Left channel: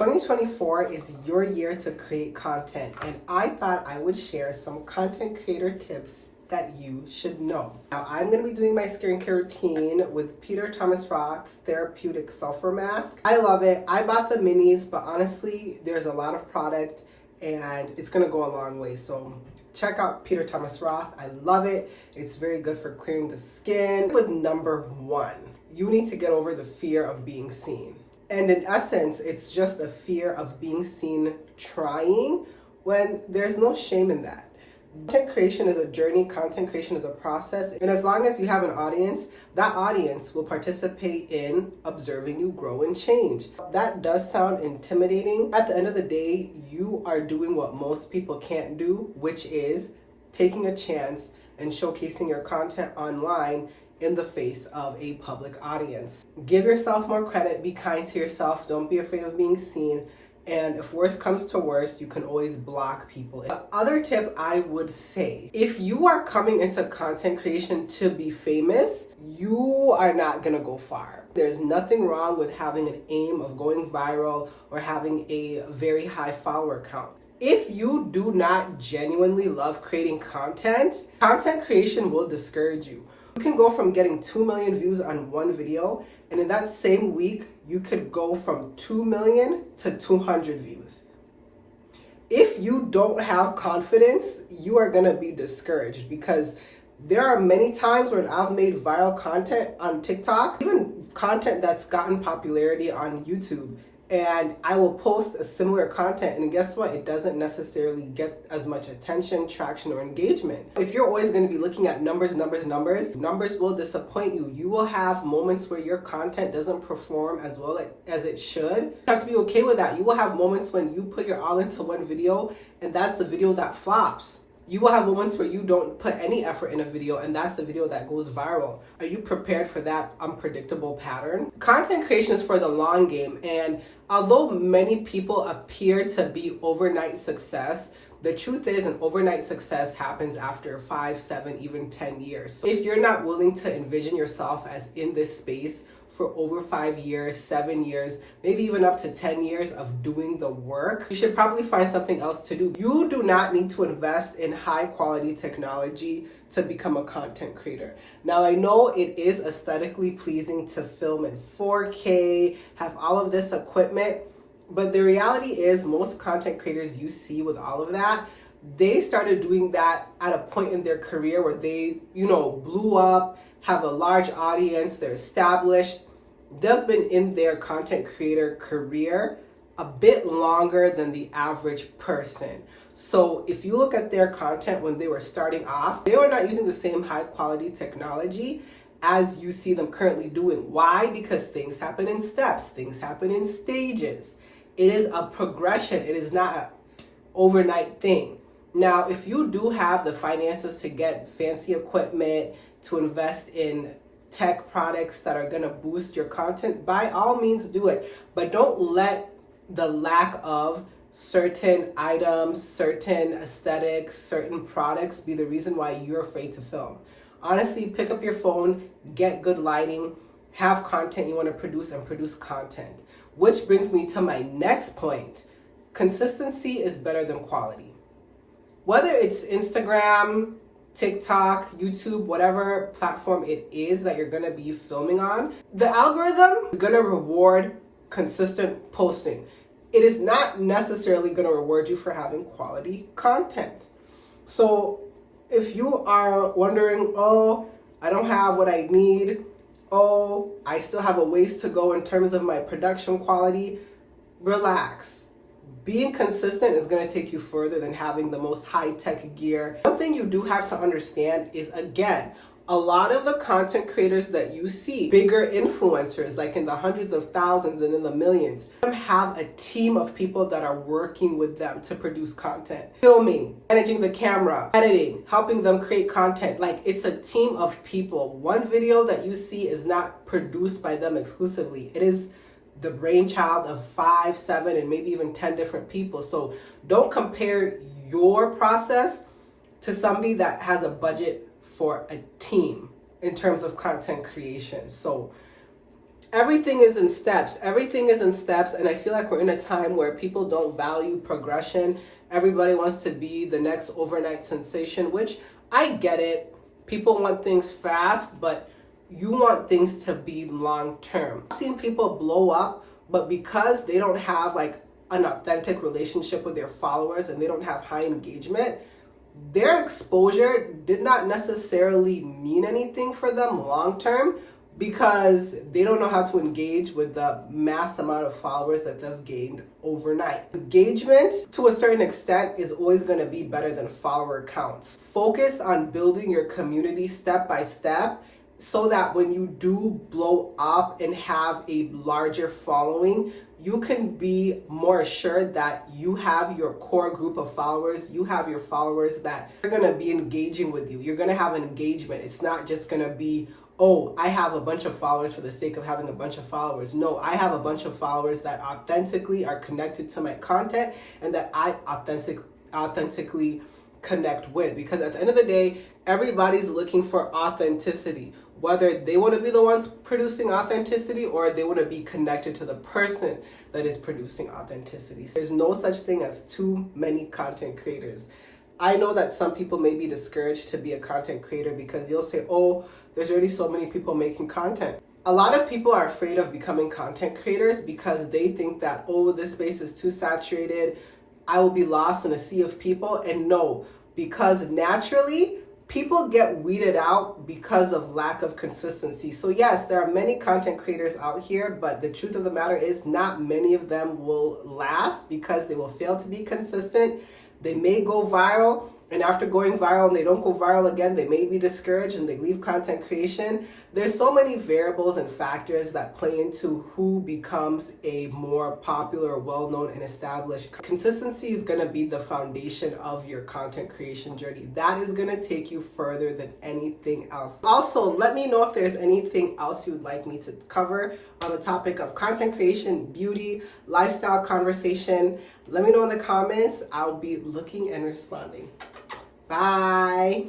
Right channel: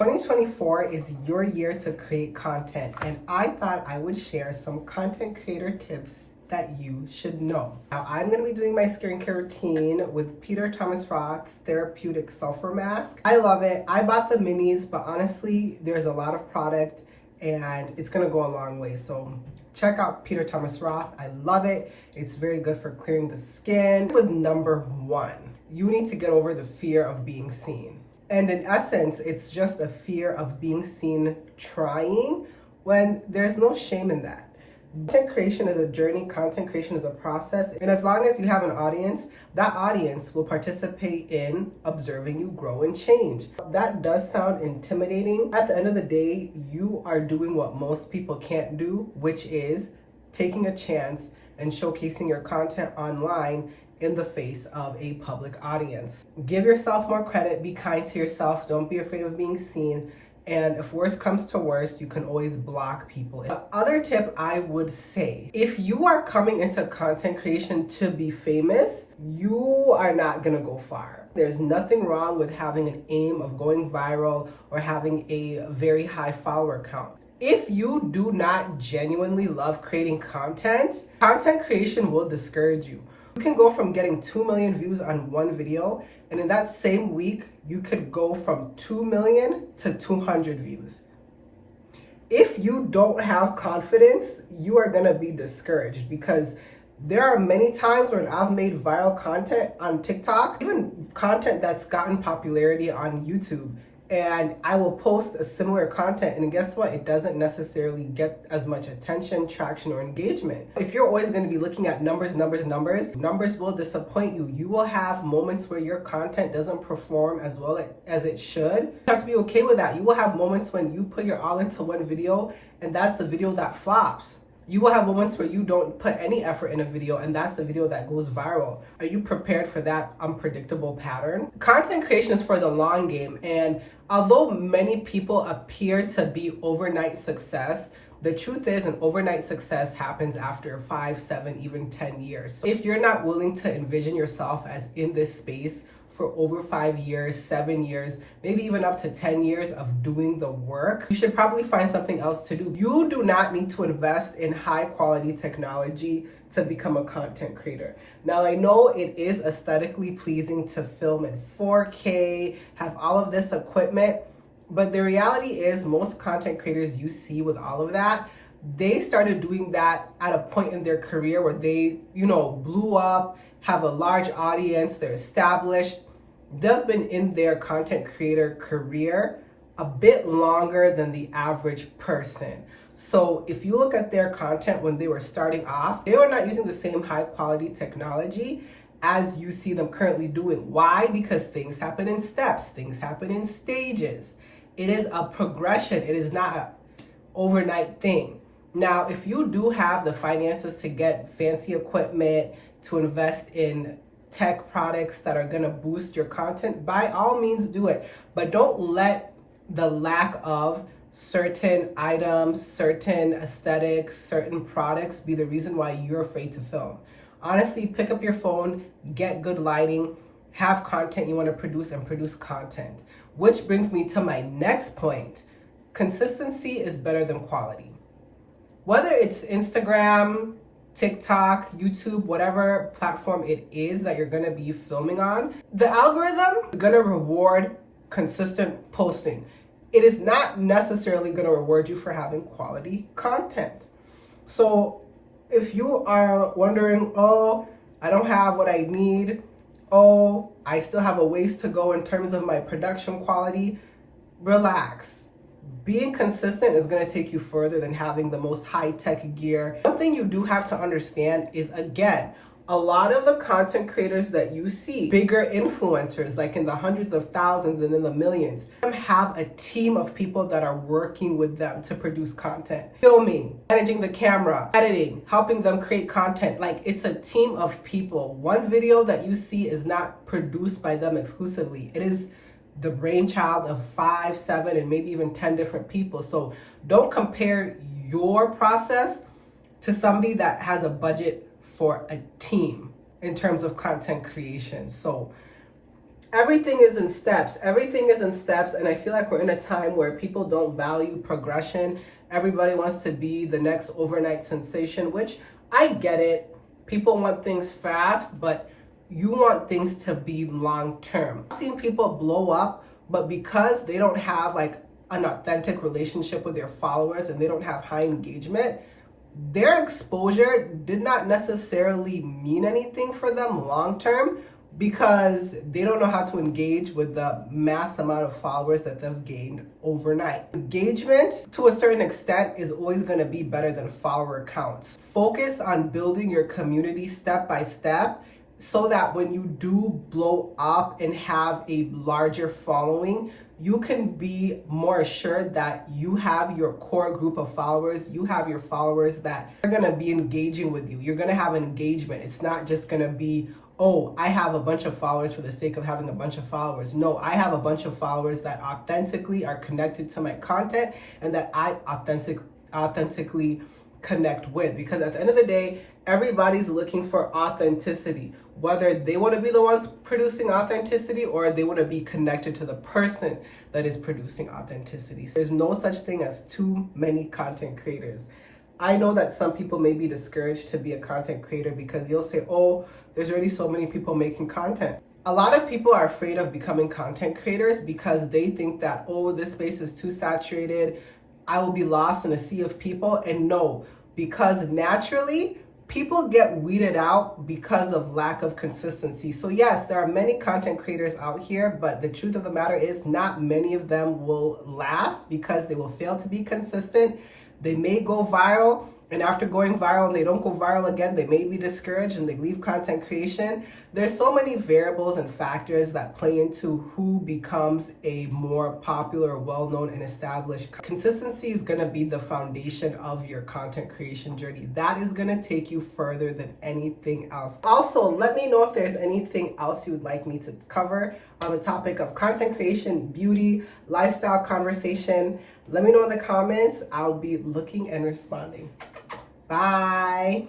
2024 is your year to create content, and I thought I would share some content creator tips that you should know. Now, I'm going to be doing my skincare routine with Peter Thomas Roth Therapeutic Sulfur Mask. I love it. I bought the minis, but honestly, there's a lot of product and it's going to go a long way. So check out Peter Thomas Roth. I love it. It's very good for clearing the skin. With number one, you need to get over the fear of being seen. And in essence, it's just a fear of being seen trying when there's no shame in that. Content creation is a journey, content creation is a process, and as long as you have an audience, that audience will participate in observing you grow and change. That does sound intimidating. At the end of the day, you are doing what most people can't do, which is taking a chance and showcasing your content online in the face of a public audience. Give yourself more credit, be kind to yourself, don't be afraid of being seen. And if worse comes to worse, you can always block people. The other tip I would say, if you are coming into content creation to be famous, you are not gonna go far. There's nothing wrong with having an aim of going viral or having a very high follower count. If you do not genuinely love creating content, content creation will discourage you. You can go from getting 2 million views on one video, and in that same week, you could go from 2 million to 200 views. If you don't have confidence, you are gonna be discouraged, because there are many times when I've made viral content on TikTok, even content that's gotten popularity on YouTube, and I will post a similar content, and guess what? It doesn't necessarily get as much attention, traction, or engagement. If you're always going to be looking at numbers will disappoint you. You will have moments where your content doesn't perform as well as it should. You have to be okay with that. You will have moments when you put your all into one video, and that's the video that flops. You will have moments where you don't put any effort in a video, and that's the video that goes viral. Are you prepared for that unpredictable pattern? Content creation is for the long game, and although many people appear to be overnight success, the truth is an overnight success happens after 5, 7, even 10 years. So if you're not willing to envision yourself as in this space for over 5 years, 7 years, maybe even up to 10 years of doing the work, you should probably find something else to do. You do not need to invest in high quality technology to become a content creator. Now, I know it is aesthetically pleasing to film in 4K, have all of this equipment, but the reality is most content creators you see with all of that, they started doing that at a point in their career where they, blew up, have a large audience, they're established. They've been in their content creator career a bit longer than the average person. So if you look at their content when they were starting off, they were not using the same high quality technology as you see them currently doing. Why? Because things happen in steps, things happen in stages. It is a progression. It is not an overnight thing. Now, if you do have the finances to get fancy equipment, to invest in tech products that are going to boost your content, by all means do it. But don't let the lack of certain items, certain aesthetics, certain products be the reason why you're afraid to film. Honestly, pick up your phone, get good lighting, have content you want to produce, and produce content. Which brings me to my next point. Consistency is better than quality. Whether it's Instagram, TikTok, YouTube, whatever platform it is that you're going to be filming on, the algorithm is going to reward consistent posting. It is not necessarily going to reward you for having quality content. So if you are wondering, I don't have what I need, I still have a ways to go in terms of my production quality, relax. Being consistent is going to take you further than having the most high-tech gear. One thing you do have to understand is, again, a lot of the content creators that you see, bigger influencers, like in the hundreds of thousands and in the millions, have a team of people that are working with them to produce content. Filming, managing the camera, editing, helping them create content. Like, it's a team of people. One video that you see is not produced by them exclusively. It is the brainchild of 5, 7, and maybe even 10 different people. So don't compare your process to somebody that has a budget for a team in terms of content creation. So everything is in steps. Everything is in steps. And I feel like we're in a time where people don't value progression. Everybody wants to be the next overnight sensation, which I get it. People want things fast, but you want things to be long term. I've seen people blow up, but because they don't have like an authentic relationship with their followers and they don't have high engagement, their exposure did not necessarily mean anything for them long term, because they don't know how to engage with the mass amount of followers that they've gained overnight. Engagement, to a certain extent, is always going to be better than follower counts. Focus on building your community step by step, so that when you do blow up and have a larger following, you can be more assured that you have your core group of followers, you have your followers that are gonna be engaging with you. You're gonna have an engagement. It's not just gonna be, oh, I have a bunch of followers for the sake of having a bunch of followers. No, I have a bunch of followers that authentically are connected to my content and that I authentically connect with. Because at the end of the day, everybody's looking for authenticity, whether they want to be the ones producing authenticity or they want to be connected to the person that is producing authenticity. There's no such thing as too many content creators. I know that some people may be discouraged to be a content creator because you'll say, oh, there's already so many people making content. A lot of people are afraid of becoming content creators because they think that, oh, this space is too saturated, I will be lost in a sea of people. And no, because naturally, people get weeded out because of lack of consistency. So yes, there are many content creators out here, but the truth of the matter is not many of them will last because they will fail to be consistent. They may go viral, and after going viral and they don't go viral again, they may be discouraged and they leave content creation. There's so many variables and factors that play into who becomes a more popular, well-known, and established. Consistency is going to be the foundation of your content creation journey. That is going to take you further than anything else. Also, let me know if there's anything else you'd like me to cover on the topic of content creation, beauty, lifestyle conversation. Let me know in the comments. I'll be looking and responding. Bye.